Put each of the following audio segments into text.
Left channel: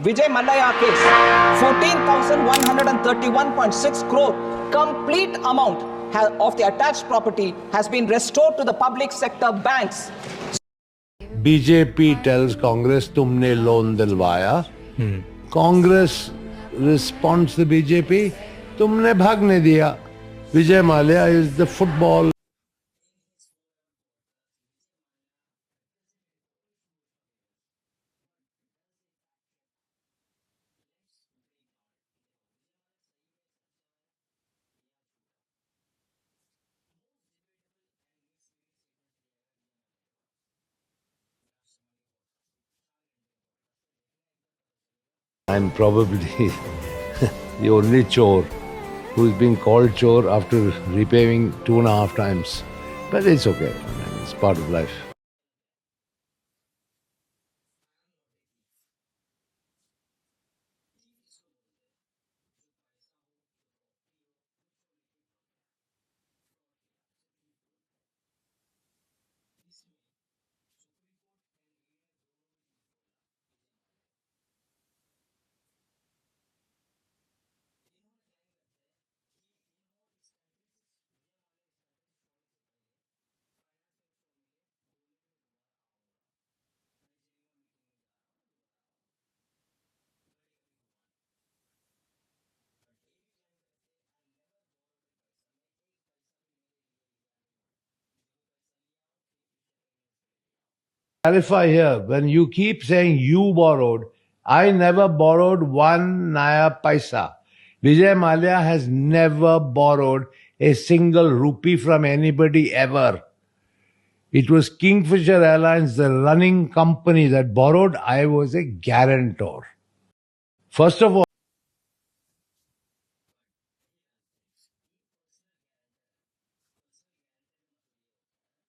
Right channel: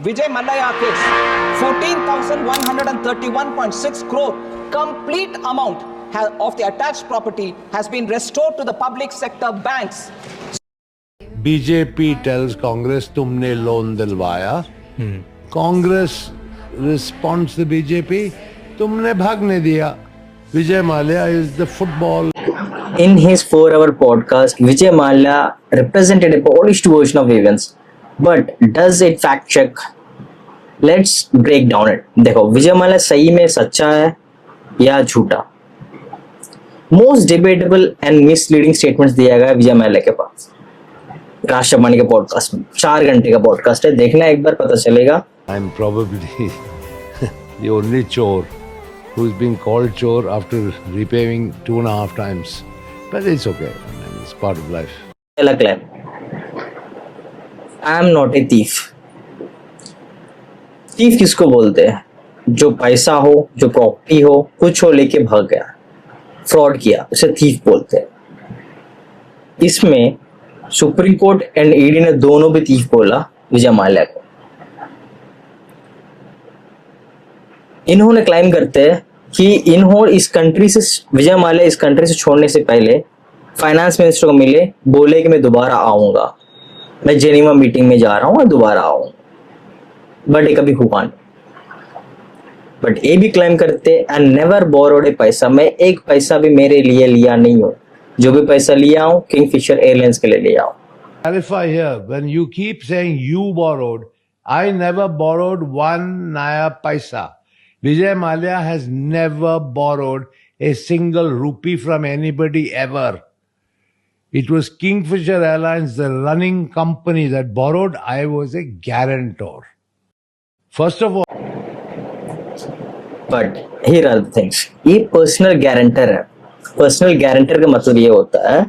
Vijay Mallya case, 14,131.6 crore complete amount of the attached property has been restored to the public sector banks. BJP tells Congress तुमने loan दिलवाया, Congress response the BJP तुमने भागने दिया. Vijay Mallya is the football. In his 4-hour podcast, Vijay Mallya represented a polished version of events. But does it fact check? Let's break down it. देखो विजय माल्या सही में सच्चा है या झूठा? Most debatable and misleading statements दिया गया विजय माल्या के पास राष्ट्रवाणी के पॉडकास्ट में. 4 घंटे का पॉडकास्ट है, देखना एक बार पता चलेगा. I'm probably the only chore who's been called chore after repaying 2.5 times. But it's okay. I mean, it's part of life. पहला claim, I am not a thief. Thief किसको बोलते हैं? जो पैसा हो, जो प्रॉपर्टी हो, कुछ हो लेके भाग गया, फ्रॉड किया, उसे थीफ बोलते हैं. इसमें सुप्रीम कोर्ट एंड ईडी ने दोनों भी थीफ बोला विजय माल्या को. इन्होंने क्लाइम करते हैं कि इन्होंने इस कंट्री से, विजय माल्या इस कंट्री से छोड़ने से पहले फाइनेंस मिनिस्टर को मिले, बोले कि मैं दोबारा आऊंगा, मैं जेनीवा मीटिंग में जा रहा हूँ और दोबारा आऊंगा. बट ये कभी हुआ नहीं. बट ये भी क्लेम करते एंड नेवर बोरोड ए पैसा, मैं एक पैसा भी मेरे लिए लिया नहीं हूँ. जो भी पैसा लिया हूँ किंगफिशर एयरलाइंस के लिए लिया हूँ. Clarify here, when you keep saying you borrowed, I never borrowed 1 naya paisa. Vijay Mallya has never borrowed a single rupee from anybody ever. It was Kingfisher Airlines, the running company, that borrowed. I was a guarantor. First of all, but here are the things. ये personal guarantor है. Personal guarantor का मतलब ये होता है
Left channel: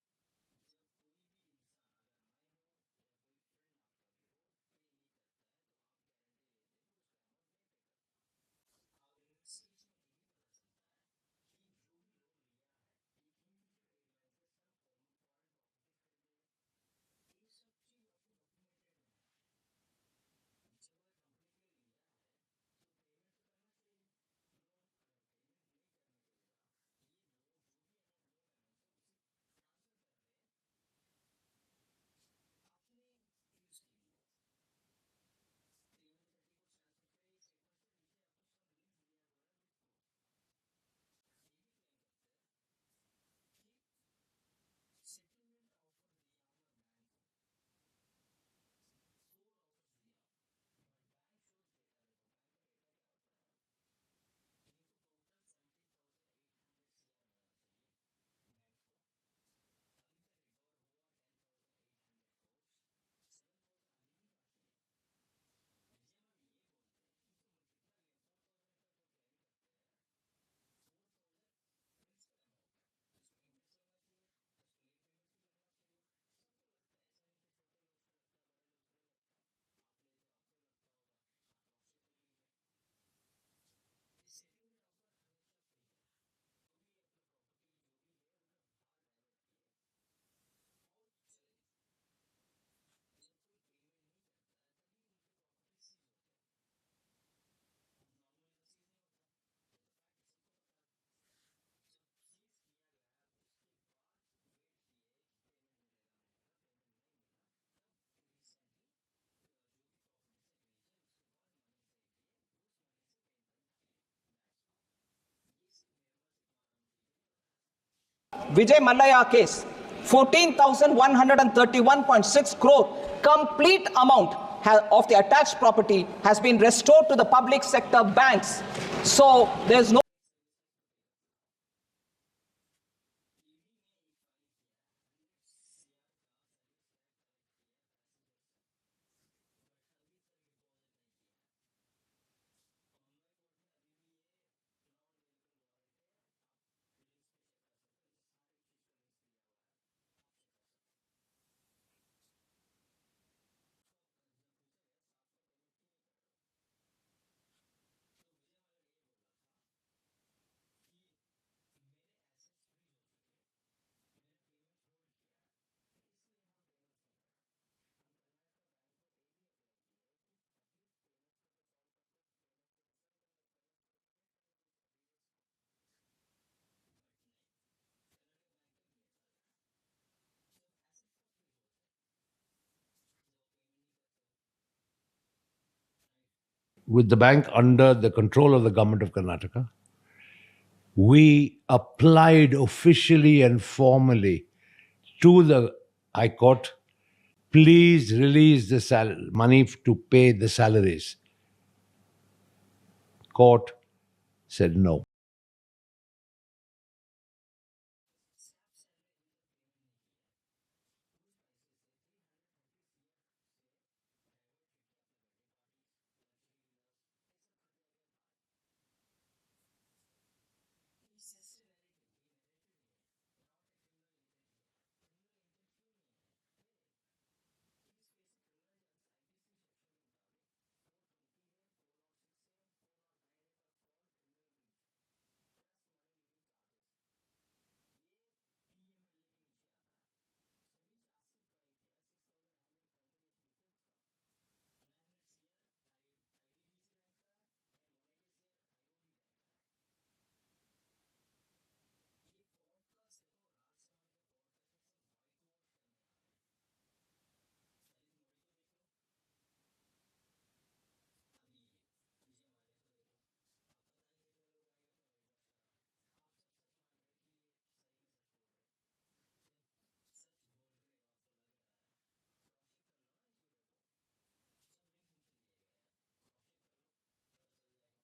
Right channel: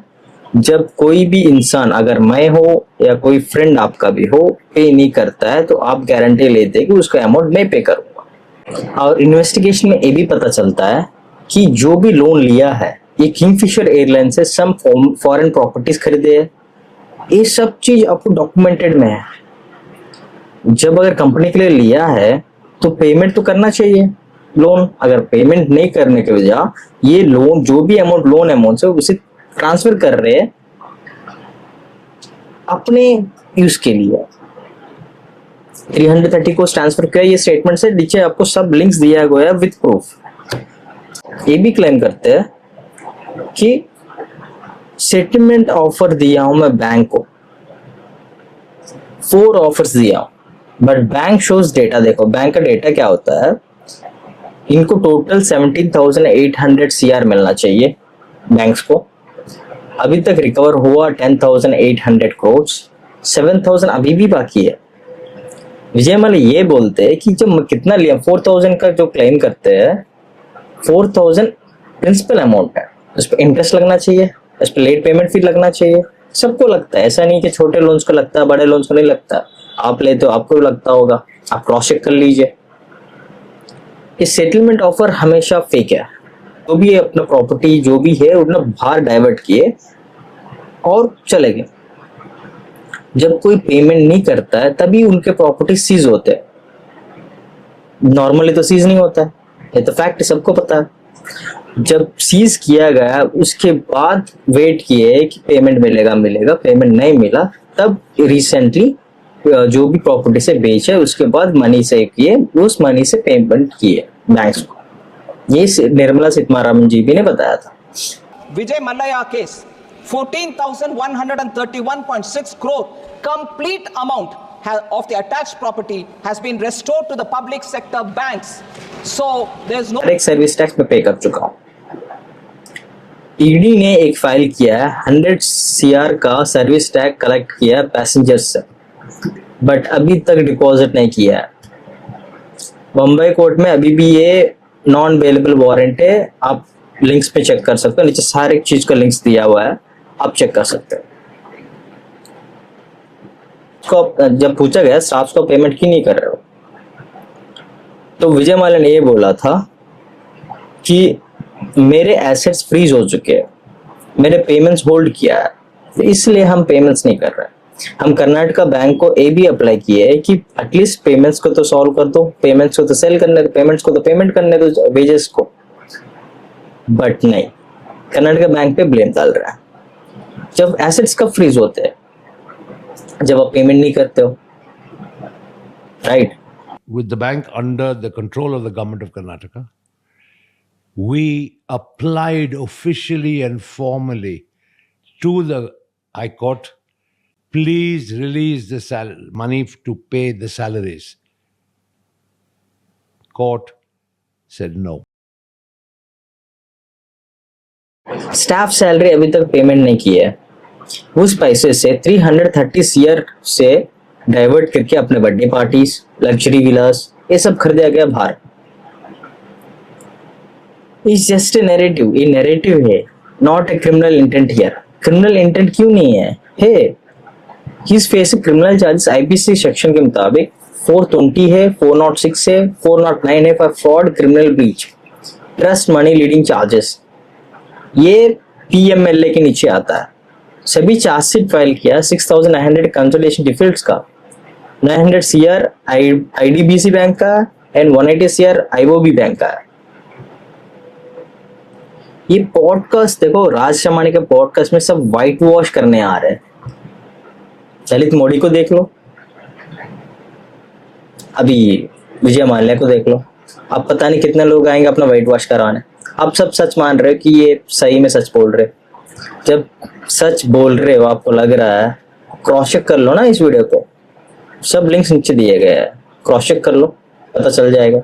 जब कोई भी इंसान, अगर मैं हो या कोई फ्रेंड आपका भी हो, पे नहीं करता है तो आप गारंटी लेते हैं कि उसका अमाउंट मैं पे करूंगा. और इन्वेस्टिगेशन में ये भी पता चलता है कि जो भी लोन लिया है ये किंगफिशर एयरलाइन से सम फॉरेन प्रॉपर्टीज खरीदे है. ये सब चीज आपको डॉक्यूमेंटेड में है. जब अगर कंपनी के लिए लिया है तो पेमेंट तो करना चाहिए लोन. अगर पेमेंट नहीं करने के वजह ये लोन, जो भी अमाउंट लोन अमाउंट है उसे ट्रांसफर कर रहे हैं अपने यूज के लिए. 330 को ट्रांसफर किया, ये स्टेटमेंट से नीचे आपको सब लिंक्स दिया गया है विद प्रूफ. ये भी क्लेम करते हैं कि सेटलमेंट ऑफर दिया हूं मैं बैंक को, 4 ऑफर्स दिया हूं, बट बैंक शोज डेटा. देखो बैंक का डेटा क्या होता है, इनको टोटल 17,800 CR मिलना चाहिए बैंक्स को. अभी तक रिकवर हुआ 10,800 करोड़, 7,000 अभी भी बाकी है. विजय माल्या ये बोलते हैं कि जब कितना लिया, 4,000 का जो क्लेम करते हैं, 4,000 प्रिंसिपल अमाउंट है, उस पर इंटरेस्ट लगना चाहिए, उस पर लेट पेमेंट फी लगना चाहिए. सबको लगता है, ऐसा नहीं कि छोटे लोन्स को लगता है बड़े लोन्स को नहीं लगता. आप लेते हो आपको भी लगता होगा, आप क्रॉस चेक कर लीजिए. ये सेटलमेंट ऑफर हमेशा फेक है. जो भी अपना प्रॉपर्टी जो भी है उतना बाहर डाइवर्ट किए और चले गए. जब कोई पेमेंट नहीं करता है तभी उनके प्रॉपर्टी सीज होते हैं. नॉर्मली तो सीज नहीं होता है, ये तो फैक्ट सबको पता है. जब सीज किया गया उसके बाद वेट किए कि पेमेंट मिलेगा, पेमेंट नहीं मिला, तब रिसेंटली जो भी प्रॉपर्टी से बेचे उसके बाद मनी से किए, उस मनी से पेमेंट किए बैंक्स को. ये निर्मला सीतारमण जी भी ने बताया था. Vijay Mallya case, 14,131.6 crore complete amount of the attached property has been restored to the public sector banks. So there's no एक सर्विस टैक्स में पे कर चुका हूँ. ईडी ने एक फाइल किया है, 100 CR का सर्विस टैक्स कलेक्ट किया पैसेंजर्स से, बट अभी तक डिपॉजिट नहीं किया है. बम्बई कोर्ट में अभी भी ये नॉन अवेलेबल वारंट है. आप लिंक्स पे चेक कर सकते हो, नीचे सारे चीज का लिंक्स दिया हुआ है, आप चेक कर सकते हो. जब पूछा गया स्टाफ को पेमेंट क्यों नहीं कर रहे हो, तो विजय माल्या ने ये बोला था कि मेरे एसेट्स फ्रीज हो चुके हैं, मेरे पेमेंट्स होल्ड किया है, तो इसलिए हम पेमेंट्स नहीं कर रहे. हम कर्नाटका बैंक को ये भी अप्लाई किए है कि एटलीस्ट पेमेंट्स को तो सॉल्व कर दो, पेमेंट्स को तो सेल करने दो, पेमेंट्स को तो पेमेंट करने दो वेजेस को, बट नहीं, कर्नाटका बैंक पे ब्लेम डाल रहा है। जब एसेट्स कब फ्रीज होते हैं? जब आप पेमेंट नहीं करते हो, right? With the bank under the control of the government of Karnataka, we applied officially and formally to the High Court, please release the money to pay the salaries. Court said no. Staff salary अभी तक payment नहीं की है, उस पैसे से 330 CR से divert करके अपने बर्थडे पार्टीज, लग्जरी विलास, ये सब खरीदा गया बाहर। इट्स जस्ट ए नैरेटिव, ये नैरेटिव है, not a criminal intent here. Criminal intent क्यों नहीं है? He is facing criminal charges IPC section के मुताबिक 420 है, 406 है, 409 है for fraud, criminal breach, trust money leading charges. ये पीएमएलए के नीचे आता है। सभी चार्जशीट फाइल किया 6900 कंसोलिडेशन डिफॉल्ट्स का, 900 CR आईडीबीसी बैंक का एंड 180 CR आईओबी बैंक का। ये पॉडकास्ट देखो, राज शर्मानी के पॉडकास्ट में सब व्हाइट वॉश करने आ रहे हैं। ललित मोदी को देख लो, अभी विजय माल्या को देख लो, अब पता नहीं कितने लोग आएंगे अपना व्हाइट वॉश कराने। आप सब सच मान रहे हो कि ये सही में सच बोल रहे। जब सच बोल रहे हो, आपको लग रहा है, क्रॉस चेक कर लो ना इस वीडियो को, सब लिंक्स नीचे दिए गए हैं, क्रॉस चेक कर लो, पता चल जाएगा।